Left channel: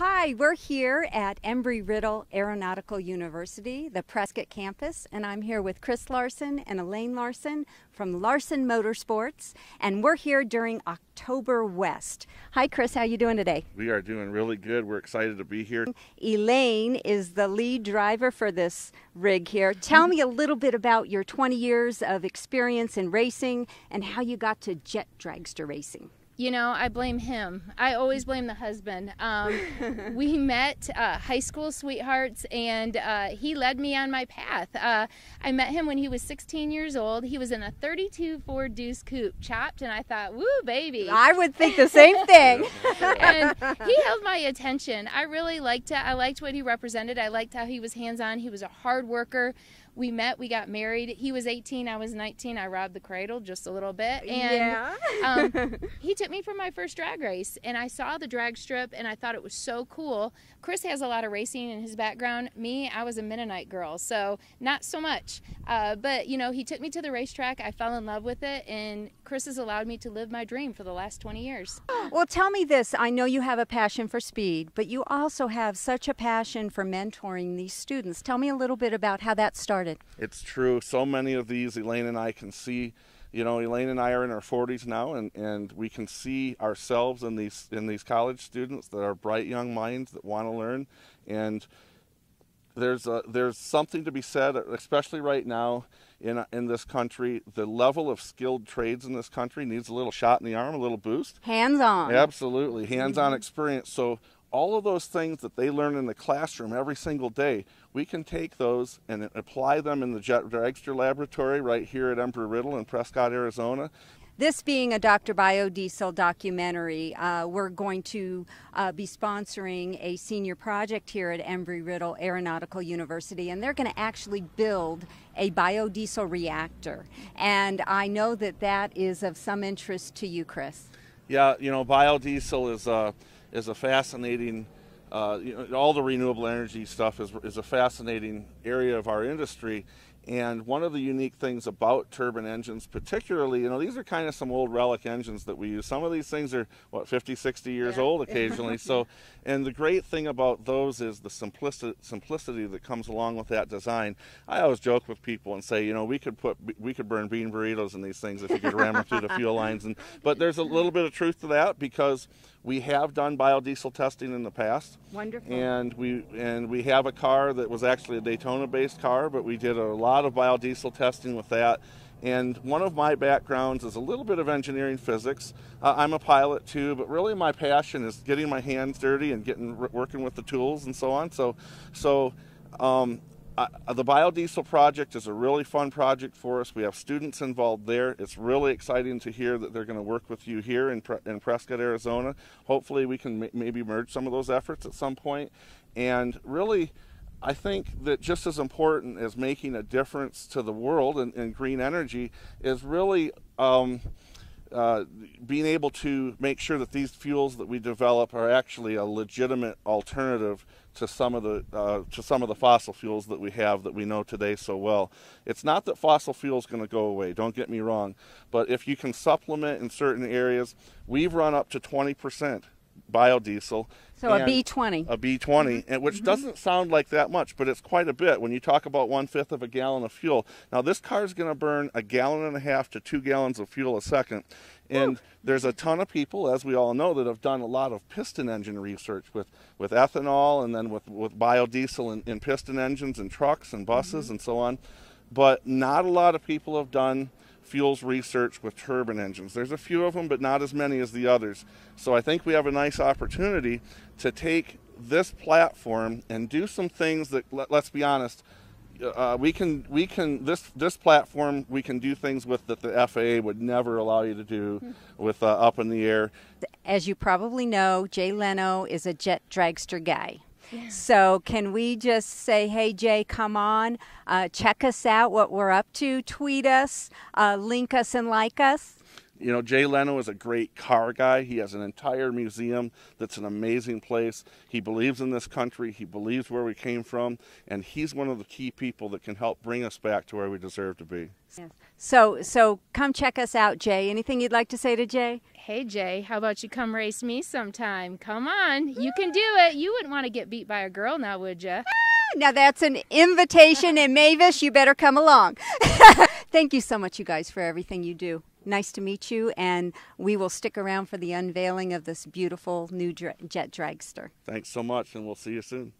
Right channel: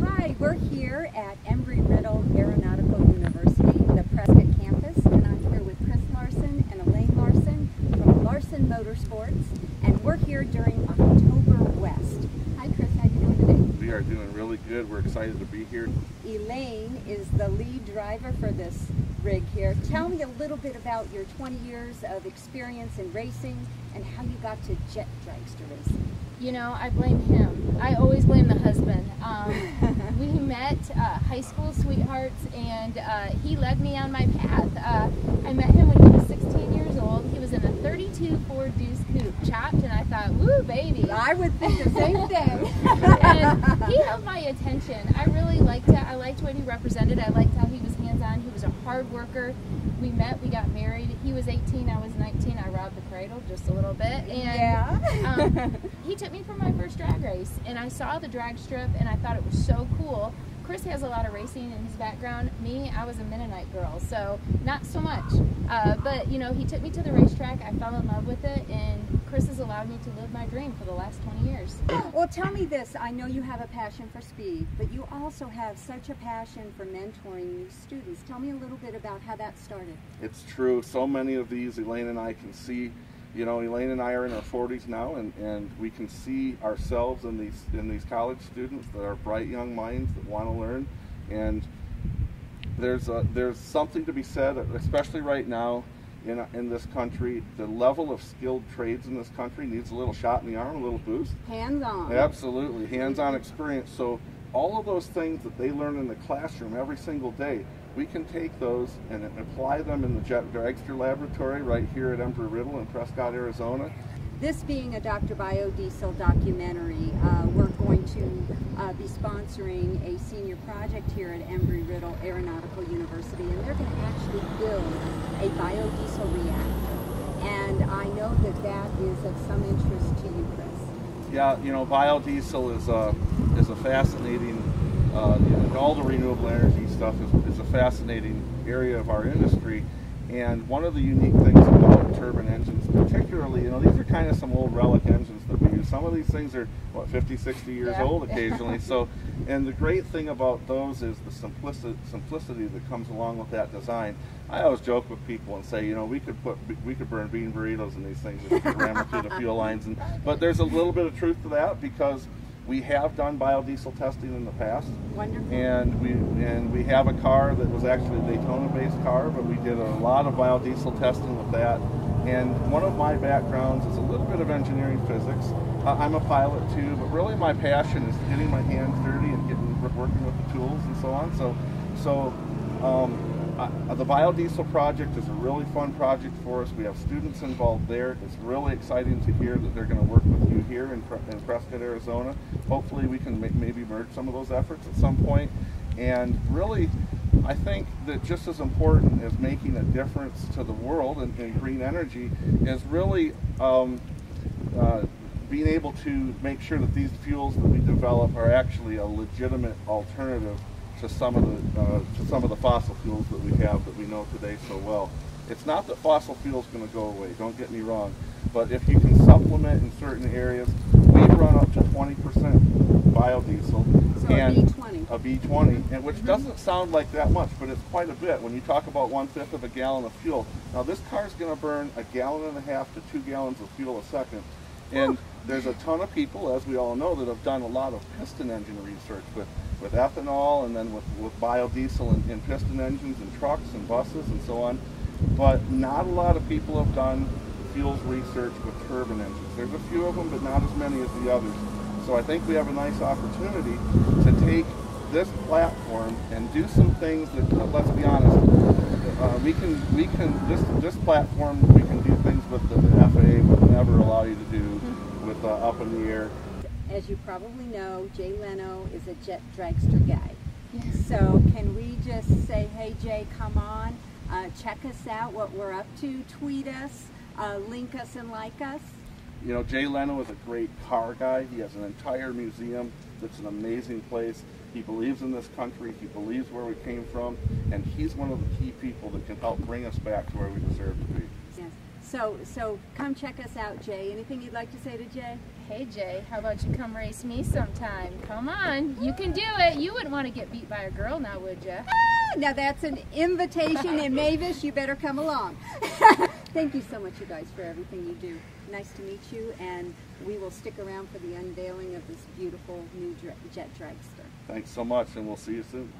Hi, we're here at Embry-Riddle Aeronautical University, the Prescott campus, and I'm here with Chris Larsen and Elaine Larsen from Larsen Motorsports, and we're here during October West. Hi Chris, how you doing today? We are doing really good. We're excited to be here. Elaine is the lead driver for this rig here. Tell me a little bit about your 20 years of experience in racing and how you got to jet dragster racing. You know, I blame him. I always blame the husband. We met high school sweethearts, and he led me on my path. I met him when he was 16 years old. He was in a 32 Ford Deuce Coupe, chopped, and I thought, woo, baby. I would think the same thing. And he held my attention. I really liked it. I liked what he represented. I liked how he was hands-on. He was a hard worker. We met, we got married. He was 18, I was 19. I robbed the cradle just a little bit. And yeah. He took me for my first drag race, and I saw the drag strip, and I thought it was so cool. Chris has a lot of racing in his background. Me, I was a Mennonite girl, so not so much. But, you know, he took me to the racetrack. I fell in love with it, and Chris has allowed me to live my dream for the last 20 years. Well, tell me this. I know you have a passion for speed, but you also have such a passion for mentoring these students. Tell me a little bit about how that started. It's true. So many of these Elaine and I can see. You know, Elaine and I are in our 40s now, and we can see ourselves in these college students that are bright young minds that want to learn. And there's something to be said, especially right now in this country. The level of skilled trades in this country needs a little shot in the arm, a little boost. Hands-on. Absolutely, hands-on experience. So all of those things that they learn in the classroom every single day, we can take those and apply them in the Dragster laboratory right here at Embry-Riddle in Prescott, Arizona. This being a DoctorBioDiesel documentary, we're going to be sponsoring a senior project here at Embry-Riddle Aeronautical University, and they're going to actually build a biodiesel reactor. And I know that that is of some interest to you, Chris. Yeah, you know, biodiesel is a fascinating, you know, all the renewable energy stuff is a fascinating area of our industry. And one of the unique things about turbine engines, particularly, you know, these are kind of some old relic engines that we use. Some of these things are, what, 50, 60 years old occasionally. So, and the great thing about those is the simplicity that comes along with that design. I always joke with people and say, you know, we could burn bean burritos in these things if we could ram them through the fuel lines. But there's a little bit of truth to that, because we have done biodiesel testing in the past. Wonderful. And we have a car that was actually a Daytona-based car, but we did a lot of biodiesel testing with that. And one of my backgrounds is a little bit of engineering physics. I'm a pilot too, but really my passion is getting my hands dirty and working with the tools and so on. The biodiesel project is a really fun project for us. We have students involved there. It's really exciting to hear that they're going to work with you here in Prescott, Arizona. Hopefully we can maybe merge some of those efforts at some point. And really, I think that just as important as making a difference to the world in green energy is really being able to make sure that these fuels that we develop are actually a legitimate alternative to some of the fossil fuels that we have that we know today so well. It's not that fossil fuels going to go away, don't get me wrong, but if you can supplement in certain areas, we've run up to 20% biodiesel. So a B20. A B20, and which doesn't sound like that much, but it's quite a bit when you talk about 1/5 of a gallon of fuel. Now this car is going to burn 1.5 gallons to 2 gallons of fuel a second, and there's a ton of people, as we all know, that have done a lot of piston engine research with ethanol and then with biodiesel in piston engines and trucks and buses and so on. But not a lot of people have done fuels research with turbine engines. There's a few of them, but not as many as the others. So I think we have a nice opportunity to take this platform and do some things that, let's be honest, this platform we can do things with that the FAA would never allow you to do with up in the air. As you probably know, Jay Leno is a jet dragster guy. So can we just say, hey Jay, come on, check us out, what we're up to, tweet us, link us and like us? You know, Jay Leno is a great car guy. He has an entire museum that's an amazing place. He believes in this country, he believes where we came from, and he's one of the key people that can help bring us back to where we deserve to be. Yeah. So come check us out, Jay. Anything you'd like to say to Jay? hey Jay, how about you come race me sometime? Come on, you can do it. You wouldn't want to get beat by a girl now, would you? Now that's an invitation, and Mavis, you better come along. Thank you so much, you guys, for everything you do. Nice to meet you, and we will stick around for the unveiling of this beautiful new jet dragster. Thanks so much, and we'll see you soon.